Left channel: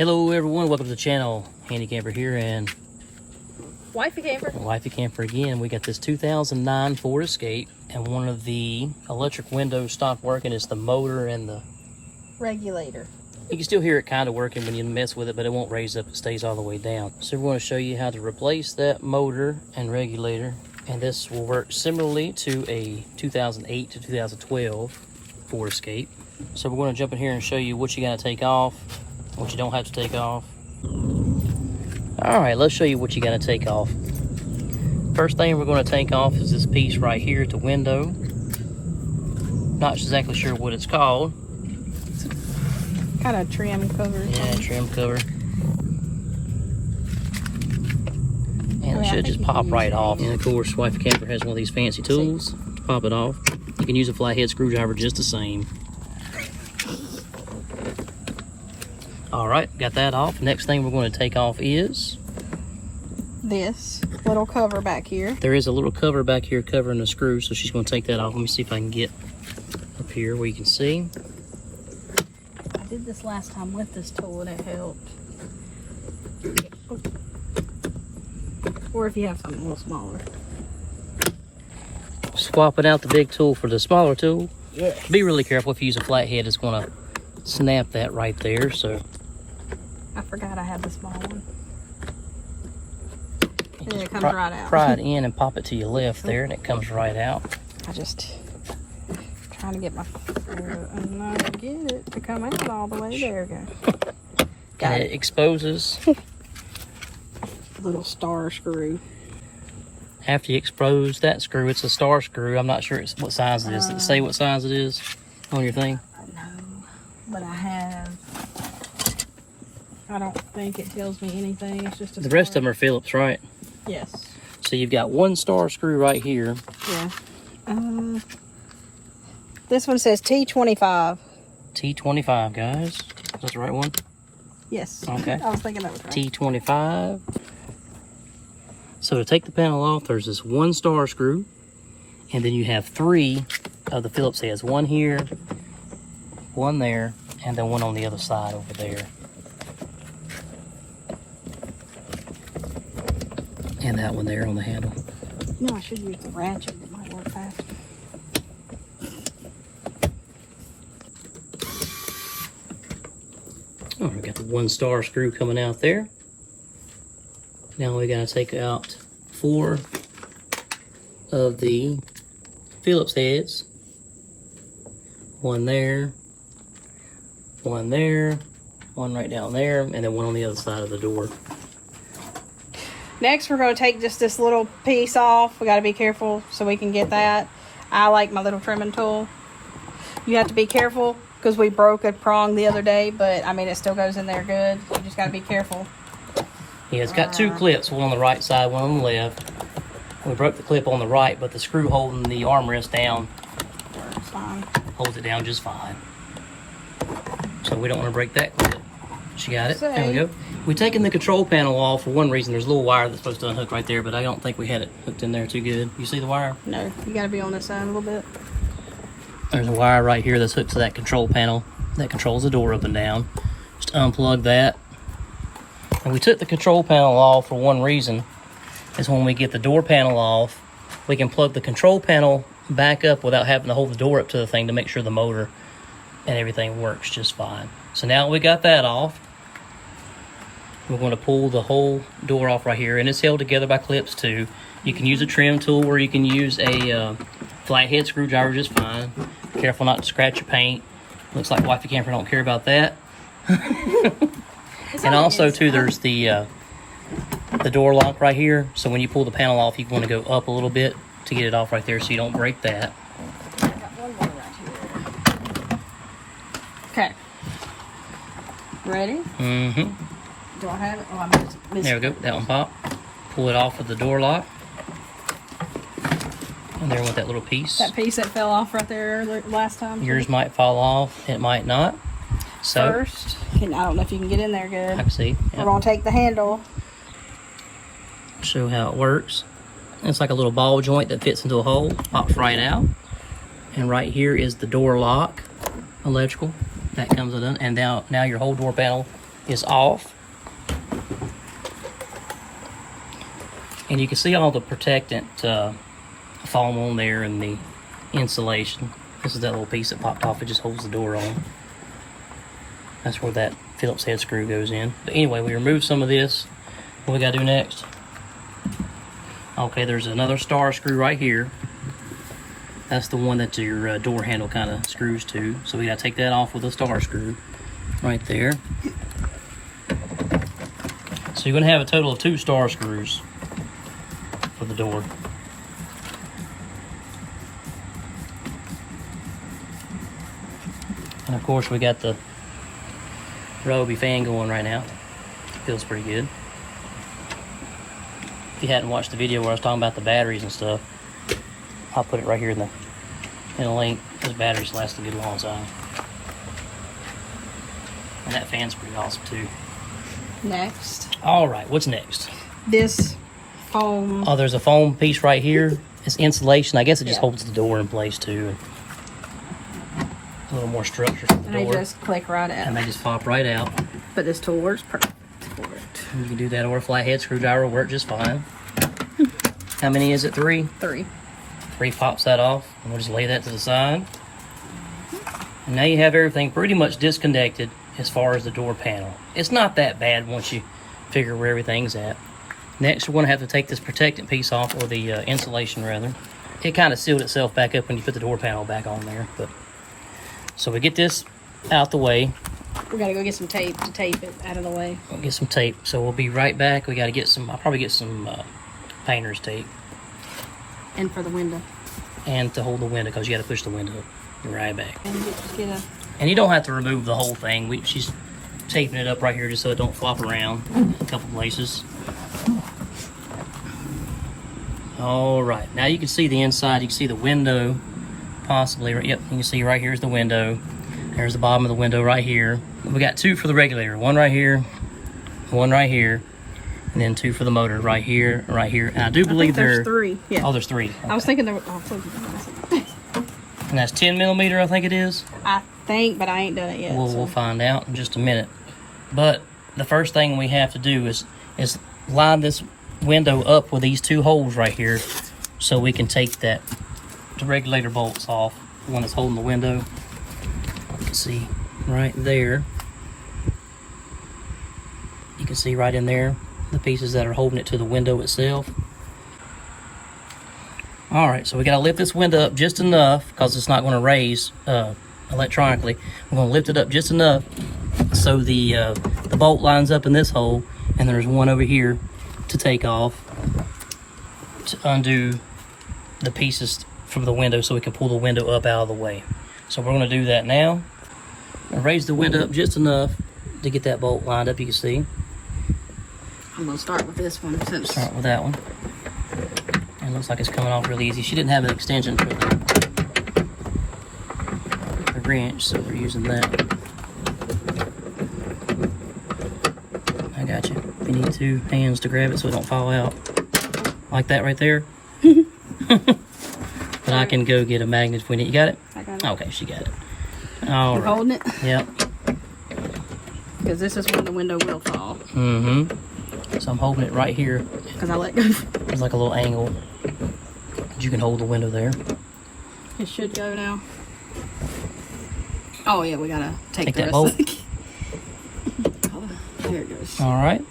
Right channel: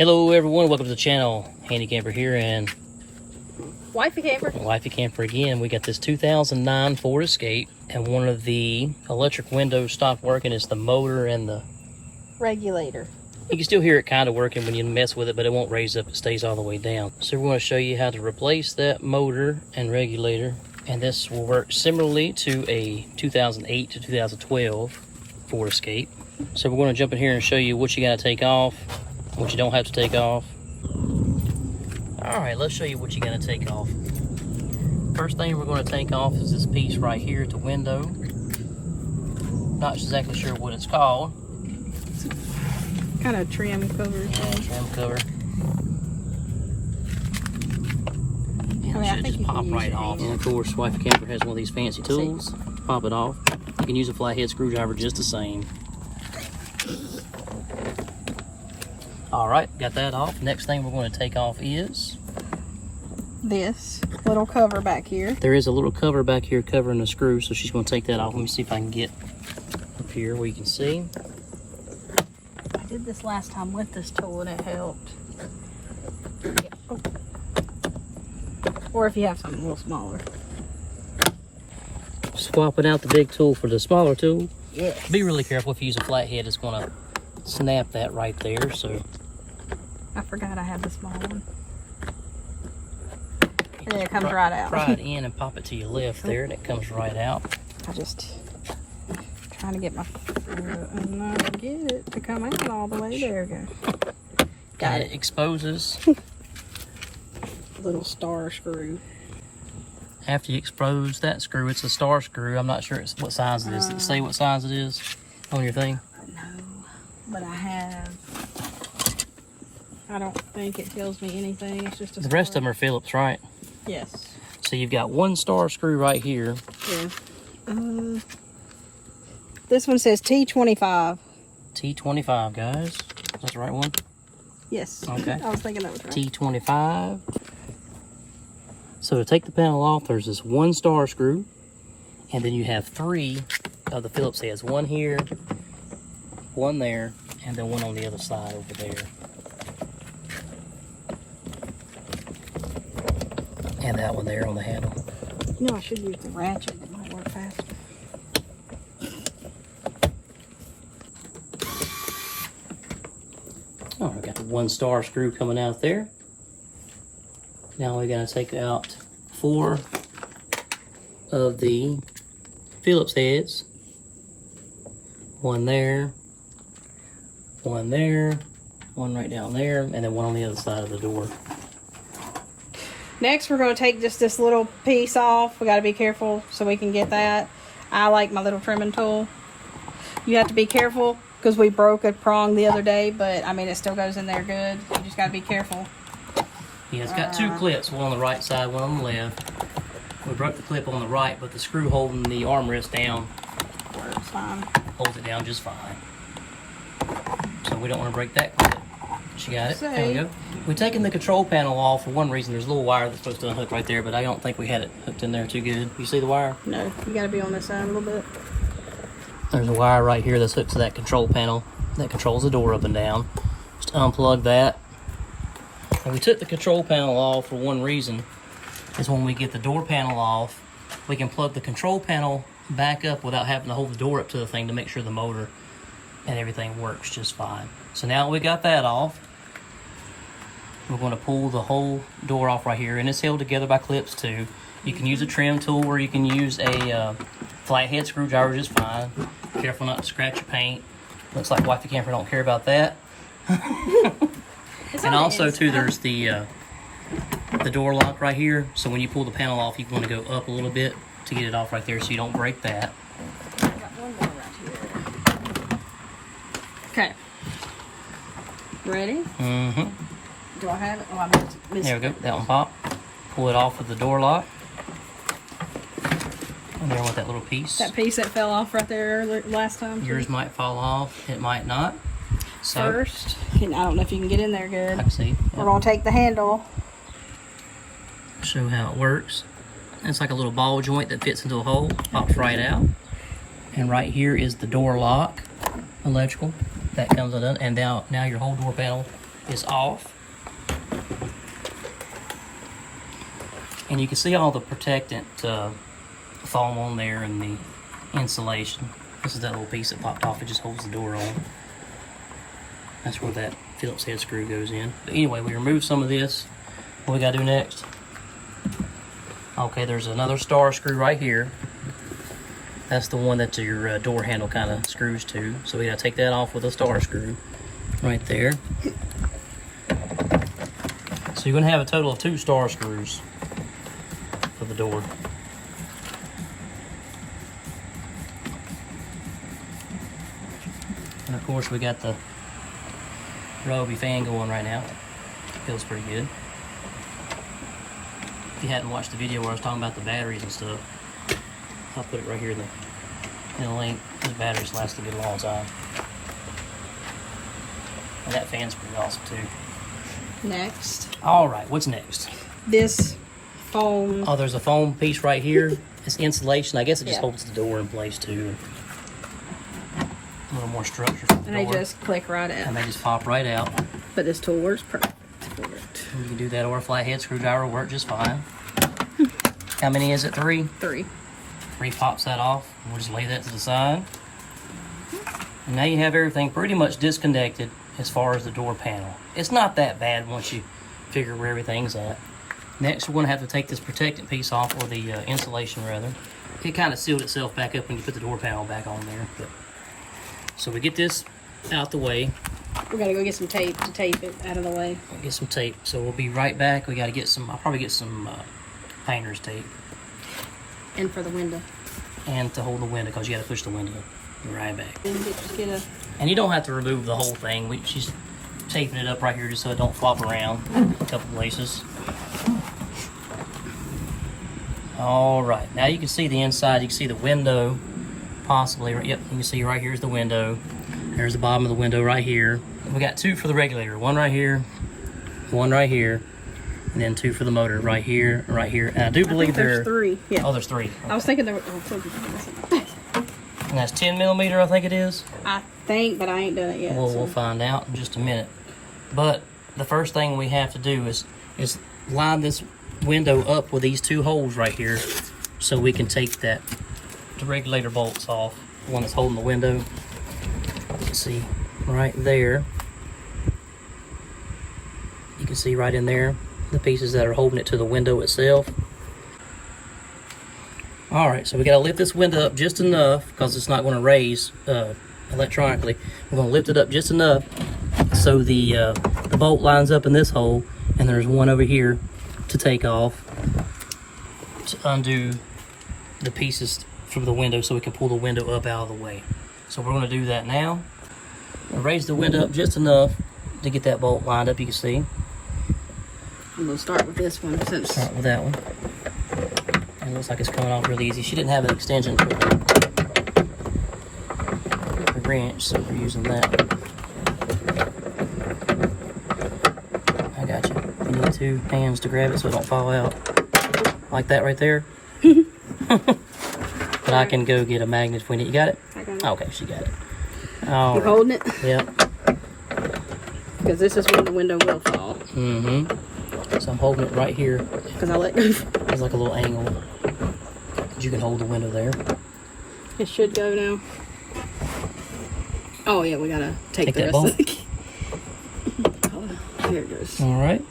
Hello everyone, welcome to the channel. Handy Camper here and Wifey Camper. Wifey Camper again. We got this 2009 Ford Escape and one of the electric windows stopped working. It's the motor and the regulator. You can still hear it kind of working when you mess with it, but it won't raise up, it stays all the way down. So we're going to show you how to replace that motor and regulator, and this will work similarly to a 2008 to 2012 Ford Escape. So we're going to jump in here and show you what you got to take off, what you don't have to take off. All right, let's show you what you got to take off. First thing we're going to take off is this piece right here at the window. Not exactly sure what it's called. Kind of trim cover. Yeah, trim cover. And it should just pop right off. And of course, Wifey Camper has one of these fancy tools to pop it off. You can use a flathead screwdriver just the same. All right, got that off. Next thing we're going to take off is this little cover back here. There is a little cover back here covering the screw, so she's going to take that off. Let me see if I can get up here where you can see. I did this last time with this tool and it helped. Yeah. Oh. Or if you have something a little smaller. Swapping out the big tool for the smaller tool. Yeah. Be really careful if you use a flathead, it's going to snap that right there. So I forgot I had the small one. And then it comes right out. Pry it in and pop it to your left there, and it comes right out. I'm just trying to get my get it to come out all the way. There we go. And it exposes. Little star screw. After you expose that screw, it's a star screw. I'm not sure what size it is. Does it say what size it is on your thing? No, but I don't think it tells me anything. It's just a The rest of them are Phillips, right? Yes. So you've got one star screw right here. Yeah. This one says T25. T25, guys. That's the right one? Yes. Okay. I was thinking that was right. T25. So to take the panel off, there's this one star screw, and then you have three of the Phillips heads. One here, one there, and then one on the other side over there. And that one there on the handle. No, I should use the ratchet. It might work faster. Oh, we got the one star screw coming out there. Now we got to take out 4 of the Phillips heads. One there, one there, one right down there, and then one on the other side of the door. Next, we're going to take just this little piece off. We got to be careful so we can get that. I like my little trimming tool. You have to be careful because we broke a prong the other day, but I mean, it still goes in there good. You just got to be careful. Yeah, it's got 2 clips, one on the right side, one on the left. We broke the clip on the right, but the screw holding the armrest down Works fine. holds it down just fine. So we don't want to break that clip. She got it. There we go. We're taking the control panel off for one reason. There's a little wire that's supposed to unhook right there, but I don't think we had it hooked in there too good. You see the wire? No, you got to be on this side a little bit. There's a wire right here that's hooked to that control panel that controls the door up and down. Just unplug that. And we took the control panel off for one reason, is when we get the door panel off, we can plug the control panel back up without having to hold the door up to the thing to make sure the motor and everything works just fine. So now we got that off, we're going to pull the whole door off right here, and it's held together by clips too. You can use a trim tool or you can use a flathead screwdriver just fine. Be careful not to scratch your paint. Looks like Wifey Camper don't care about that. And also too, there's the door lock right here. So when you pull the panel off, you want to go up a little bit to get it off right there so you don't break that. I got one more right here. Okay. Ready? Mm-hmm. Do I have it? Oh, I missed. There we go. That one popped. Pull it off with the door lock. And there with that little piece. That piece that fell off right there last time. Yours might fall off. It might not. So First, I don't know if you can get in there good. I can see. Yep. We're going to take the handle. Show how it works. It's like a little ball joint that fits into a hole. Pops right out. And right here is the door lock, electrical. That comes undone. And now your whole door panel is off. And you can see all the protectant foam on there and the insulation. This is that little piece that popped off. It just holds the door on. That's where that Phillips head screw goes in. But anyway, we removed some of this. What we gotta do next? Okay, there's another star screw right here. That's the one that your door handle kind of screws to. So we gotta take that off with a star screw right there. So you're gonna have a total of 2 star screws for the door. And of course we got the Ryobi fan going right now. Feels pretty good. If you hadn't watched the video where I was talking about the batteries and stuff, I'll put it right here in the link. Those batteries last a good long time. And that fan's pretty awesome too. Next. Alright, what's next? This foam. Oh, there's a foam piece right here. It's insulation. I guess it just holds the door in place too. A little more structure for the And they door. just click right out. And they just pop right out. But this tool works perfect for it. And you can do that, or a flathead screwdriver will work just fine. How many is it? 3? 3. 3 pops that off. And we'll just lay that to the side. And now you have everything pretty much disconnected as far as the door panel. It's not that bad once you figure where everything's at. Next, we're going to have to take this protectant piece off, or the insulation rather. It kind of sealed itself back up when you put the door panel back on there. But so we get this out the way. We gotta go get some tape to tape it out of the way. We'll get some tape. So we'll be right back. We got to get some, I'll probably get some painter's tape. And for the window. And to hold the window, because you got to push the window. You're right back. And And you don't have to remove the whole thing. She's taping it up right here just so it don't flop around a couple places. All right, now you can see the inside. You can see the window, possibly. Yep, you can see right here's the window. There's the bottom of the window right here. We got 2 for the regulator. 1 right here, 1 right here, and then 2 for the motor right here, right here. And I do believe there's 3. Yeah. Oh, there's 3. Okay. I was thinking there were. And that's 10 millimeter, I think it is. I think, but I ain't done it yet. We'll find out in just a minute. But the first thing we have to do is line this window up with these 2 holes right here, so we can take the regulator bolts off. The one that's holding the window. You can see right there. You can see right in there the pieces that are holding it to the window itself. Alright, so we got to lift this window up just enough, because it's not going to raise electronically. We're going to lift it up just enough so the bolt lines up in this hole, and there's one over here to take off to undo the pieces from the window so we can pull the window up out of the way. So we're going to do that now. I'm going to raise the window up just enough to get that bolt lined up, you can see. I'm going to start with this one. Start with that one. And it looks like it's coming off really easy. She didn't have an extension for the wrench, so we're using that. I got you. If you need 2 hands to grab it so it don't fall out. Like that right there. But I can go get a magnet if we need. You got it? I got it. Okay, she got it. All You're right. holding it? Yep. Because this is where the window will fall. Mm-hmm. So I'm holding it right here. Because I let There's like a little angle. You can hold the window there. it should go now. Oh yeah, we gotta take that bolt. Oh, there it goes. All right.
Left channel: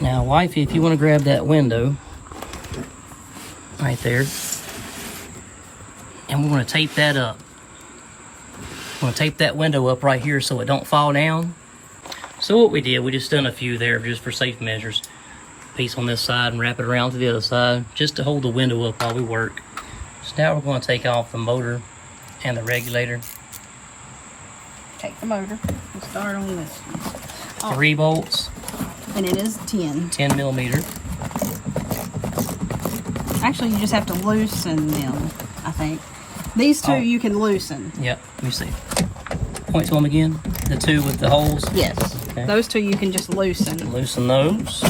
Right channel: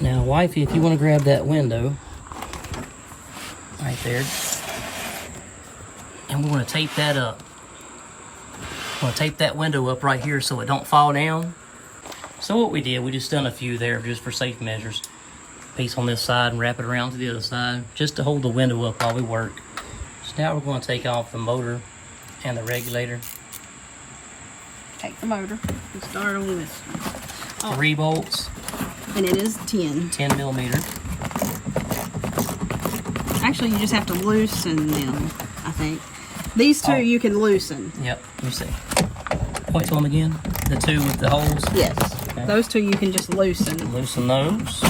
Now, wifey, if you want to grab that window right there, and we're going to tape that up. We're going to tape that window up right here so it don't fall down. So what we did, we just done a few there just for safe measures. Piece on this side and wrap it around to the other side just to hold the window up while we work. So now we're going to take off the motor and the regulator. Take the motor and start on this one. 3 bolts. And it is 10. 10 millimeter. Actually, you just have to loosen them, I think. These 2 you can loosen. Yep, let me see. Point to them again. The 2 with the holes. Yes. Okay. Those 2 you can just loosen. Loosen those.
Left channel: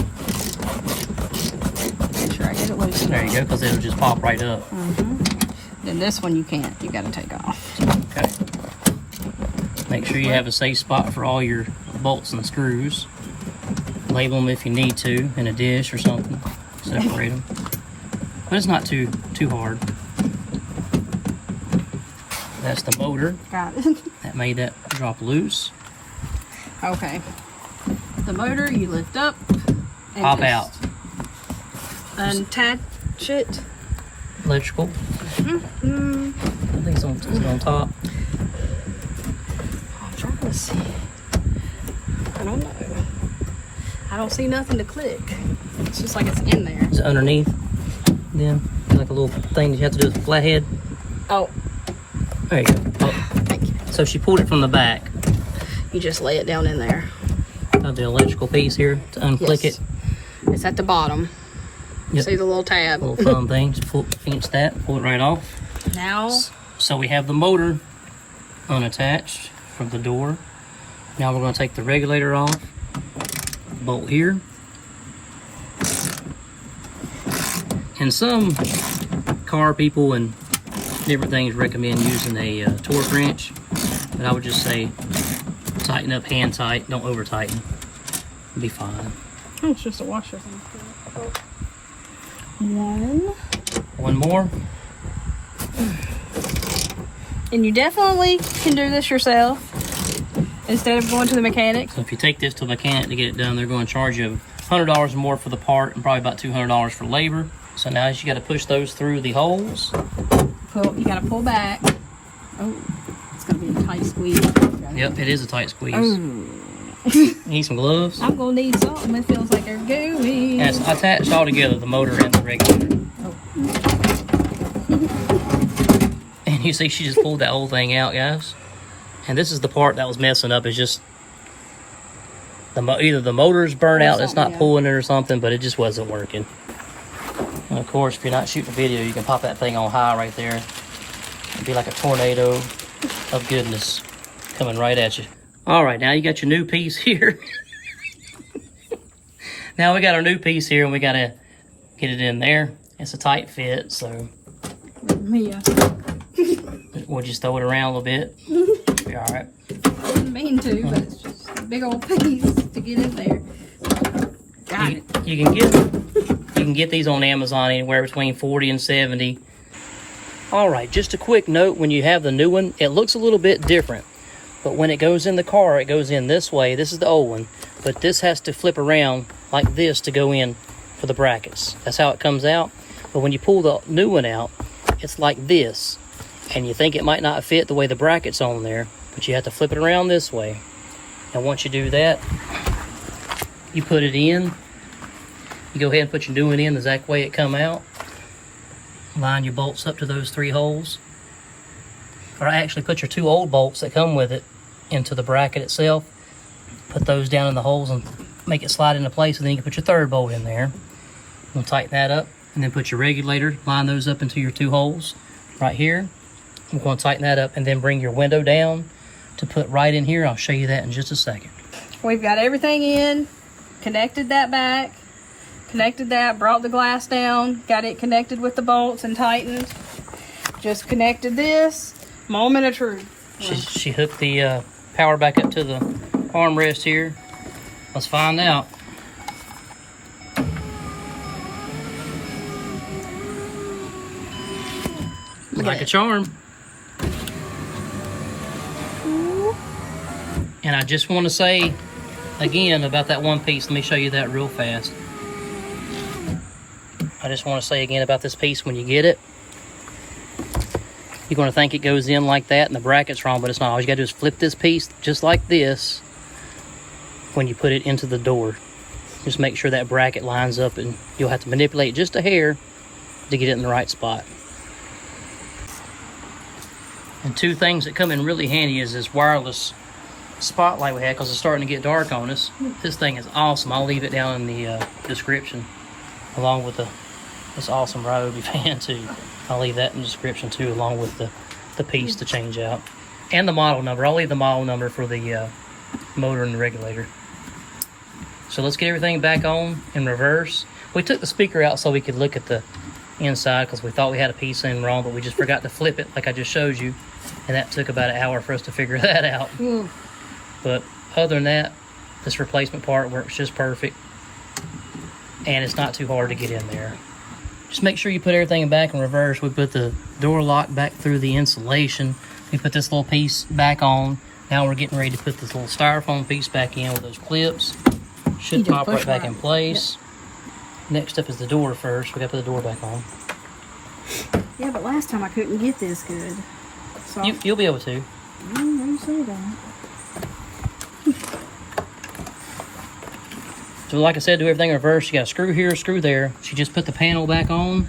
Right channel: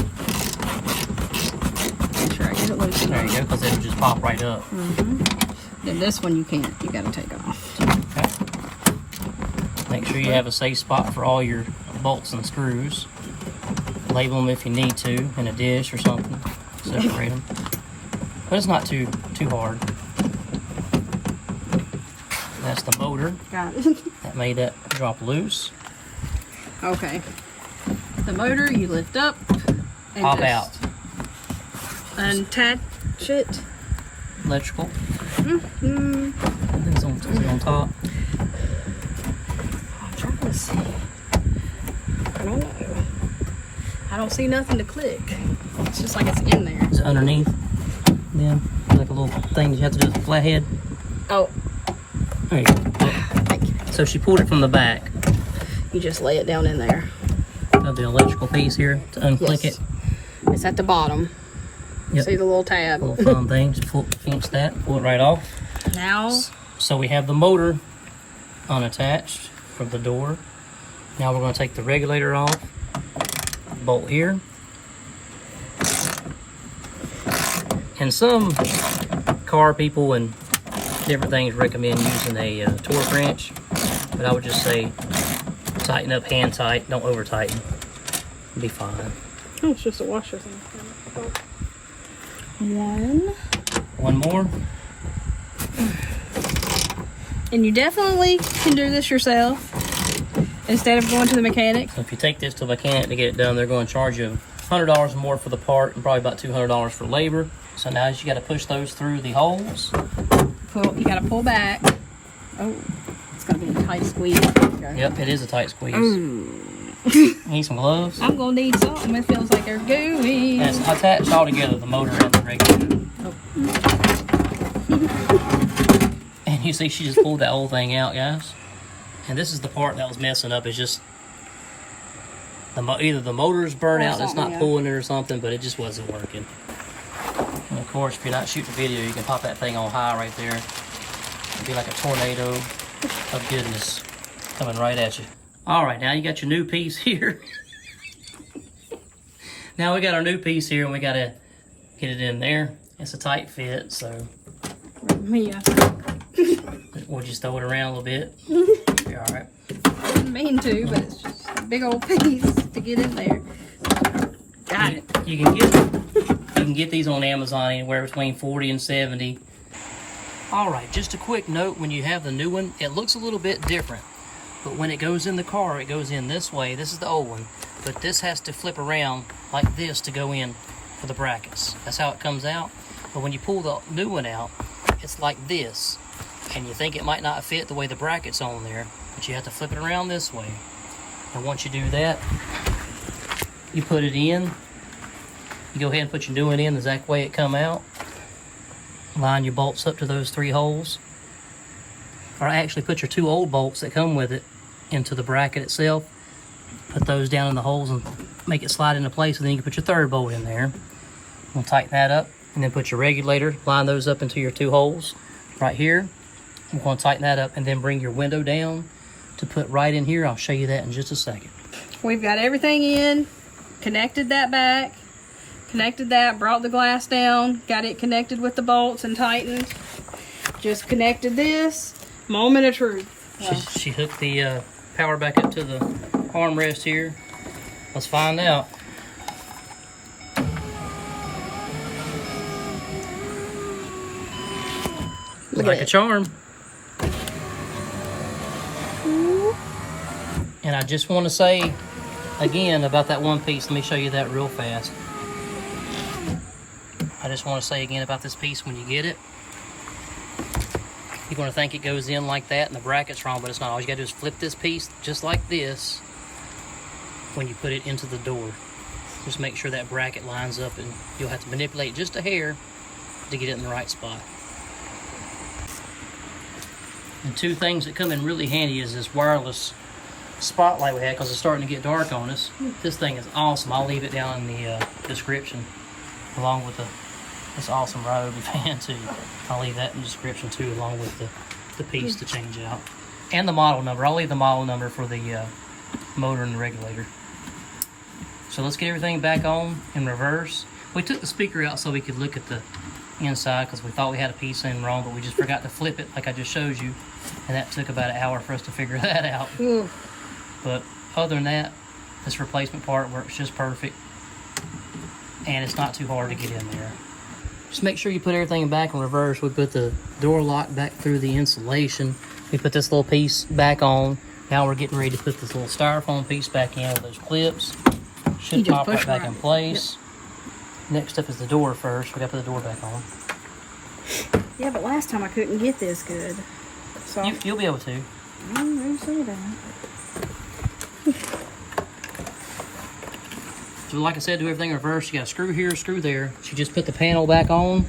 There you go, because it'll just pop right up. Then this one you can't. You gotta take off. Okay. Make sure you have a safe spot for all your bolts and screws. Label them if you need to in a dish or something. Separate them. But it's not too hard. That's the motor. That made that drop loose. Okay. The motor you lift up and Pop out. Unattach it. Electrical. I think it's on top. I'm trying to see. I don't know. I don't see nothing to click. It's just like it's in there. It's underneath. Then like a little thing you have to do with the flathead. Oh. There you go. Thank you. So she pulled it from the back. You just lay it down in there. Of the electrical piece here to unclick Yes. it. It's at the bottom. Yep. See the little tab? Little thumb thing. Just pinch that, pull it right off. Now, So we have the motor unattached from the door. Now we're going to take the regulator off. Bolt here. And some car people and different things recommend using a torque wrench, but I would just say tighten up hand tight, don't over tighten. It'll be fine. oh, it's just a washer thing. One more. And you definitely can do this yourself instead of going to the mechanic. So if you take this to a mechanic to get it done, they're going to charge you $100 more for the part and probably about $200 for labor. So now you got to push those through the holes. You got to pull back. Oh, it's going to be a tight squeeze. Okay. Yep, it is a tight squeeze. Oh. Need some gloves? I'm going to need something. It feels like they're gooey. And it's attached all together, the motor and the regulator. Oh. And you see she just pulled that whole thing out, guys. And this is the part that was messing up. Is just either the motor's burnt out, it's not pulling it or something, but it just wasn't working. And of course, if you're not shooting a video, you can pop that thing on high right there. It'd be like a tornado of goodness coming right at you. All right, now you got your new piece here. Now we got our new piece here, and we got to get it in there. It's a tight fit, so Yeah. we'll just throw it around a little bit. Be all right. I didn't mean to, but it's just a big old piece to get in there. Got it. You can get these on Amazon anywhere between 40 and 70. All right, just a quick note: when you have the new one, it looks a little bit different. But when it goes in the car, it goes in this way. This is the old one, but this has to flip around like this to go in for the brackets. That's how it comes out. But when you pull the new one out, it's like this, and you think it might not fit the way the bracket's on there, but you have to flip it around this way. And once you do that, you put it in. You go ahead and put your new one in the exact way it come out. Line your bolts up to those 3 holes. Or actually put your 2 old bolts that come with it into the bracket itself. Put those down in the holes and make it slide into place, and then you can put your 3rd bolt in there. We'll tighten that up, and then put your regulator, line those up into your 2 holes right here. I'm going to tighten that up, and then bring your window down to put right in here. I'll show you that in just a second. We've got everything in, connected that back, connected that, brought the glass down, got it connected with the bolts and tightened. Just connected this. Moment of truth. Well, She hooked the power back up to the armrest here. Let's find out. Like a charm. And I just want to say again about that one piece. Let me show you that real fast. I just want to say again about this piece: when you get it, you're going to think it goes in like that and the bracket's wrong, but it's not. All you got to do is flip this piece just like this when you put it into the door. Just make sure that bracket lines up, and you'll have to manipulate just a hair to get it in the right spot. And 2 things that come in really handy is this wireless spotlight we had, because it's starting to get dark on us. This thing is awesome. I'll leave it down in the description, along with this awesome Ryobi Fan too. I'll leave that in the description too, along with the piece to change out. And the model number. I'll leave the model number for the motor and the regulator. So let's get everything back on in reverse. We took the speaker out so we could look at the inside because we thought we had a piece in wrong, but we just forgot to flip it like I just showed you, and that took about an hour for us to figure that out. Ooh. But other than that, this replacement part works just perfect, and it's not too hard to get in there. Just make sure you put everything back in reverse. We put the door lock back through the insulation. We put this little piece back on. Now we're getting ready to put this little styrofoam piece back in with those clips. Should pop right back in place. Yep. Next up is the door first. We got to put the door back on. Yeah, but last time I couldn't get this good. So You'll be able to. I didn't see that. So like I said, do everything in reverse. You got a screw here, screw there. She just put the panel back on,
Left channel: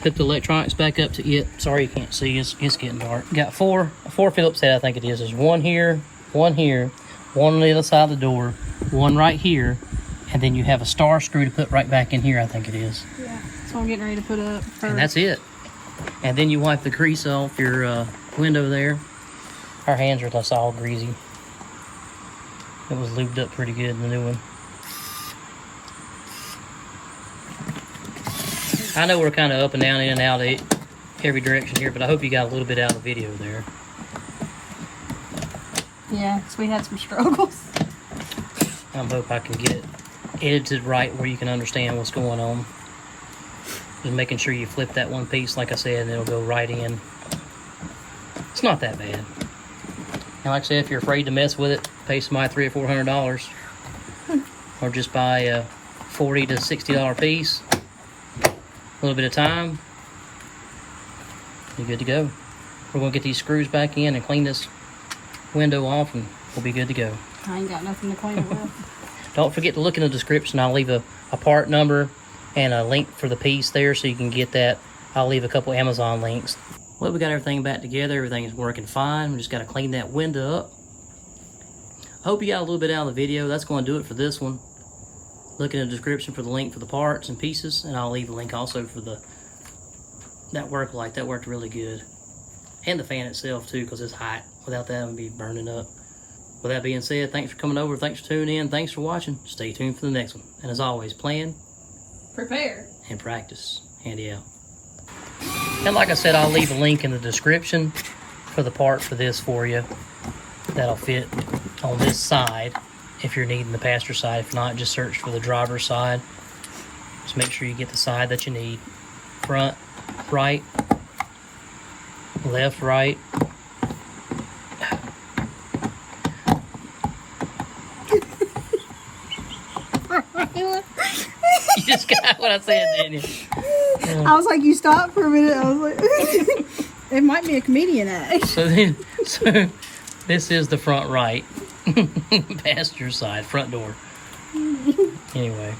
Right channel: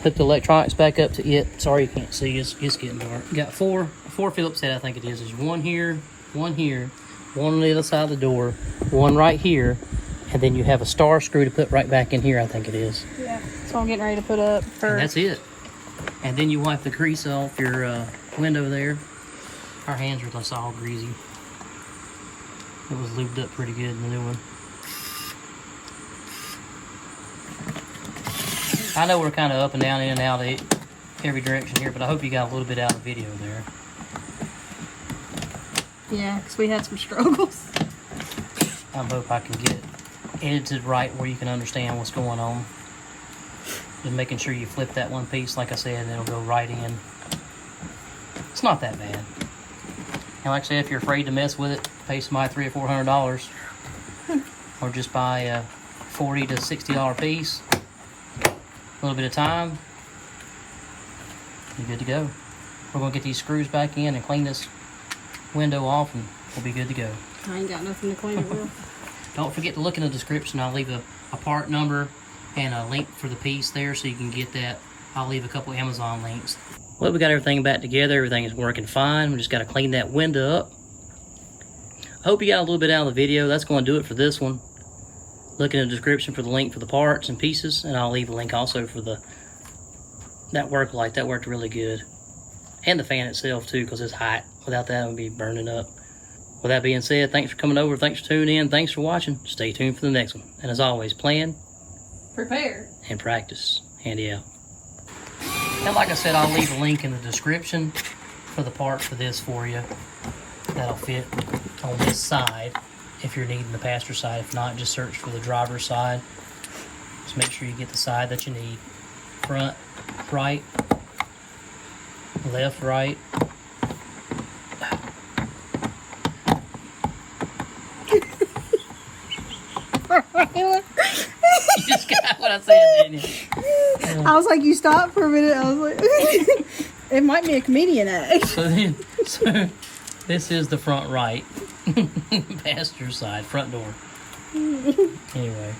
put the electronics back up to it. Sorry you can't see, it's getting dark. Got four Phillips head, I think it is. There's one here, one on the other side of the door, one right here, and then you have a star screw to put right back in here, I think it is. Yeah, so I'm getting ready to put up first. And that's it. And then you wipe the grease off your window there. Our hands are just all greasy. It was lubed up pretty good in the new one. I know we're kind of up and down, in and out every direction here, but I hope you got a little bit out of the video there. Yeah, because we had some struggles. I hope I can get it edited right where you can understand what's going on. Just making sure you flip that one piece, like I said, and it'll go right in. It's not that bad. And like I said, if you're afraid to mess with it, pay somebody $300 or $400, or just buy a $40 to $60 piece. A little bit of time, you're good to go. We're going to get these screws back in and clean this window off, and we'll be good to go. I ain't got nothing to clean it with. Don't forget to look in the description. I'll leave a part number and a link for the piece there so you can get that. I'll leave a couple Amazon links. Well, we got everything back together. Everything is working fine. We just got to clean that window up. I hope you got a little bit out of the video. That's going to do it for this one. Look in the description for the link for the parts and pieces, and I'll leave a link also for that work light. That worked really good. And the fan itself too, because it's hot. Without that, it would be burning up. With that being said, thanks for coming over. Thanks for tuning in. Thanks for watching. Stay tuned for the next one. And as always, plan, prepare, and practice. Handy out. And like I said, I'll leave a link in the description for the part for this for you. That'll fit on this side. If you're needing the passenger side, if not, just search for the driver's side. Just make sure you get the side that you need. Front, right, left, right. You just got what I said, didn't you? I was like, you stopped for a minute. I was like, it might be a comedian act. So this is the front right. Passenger side, front door. Anyway.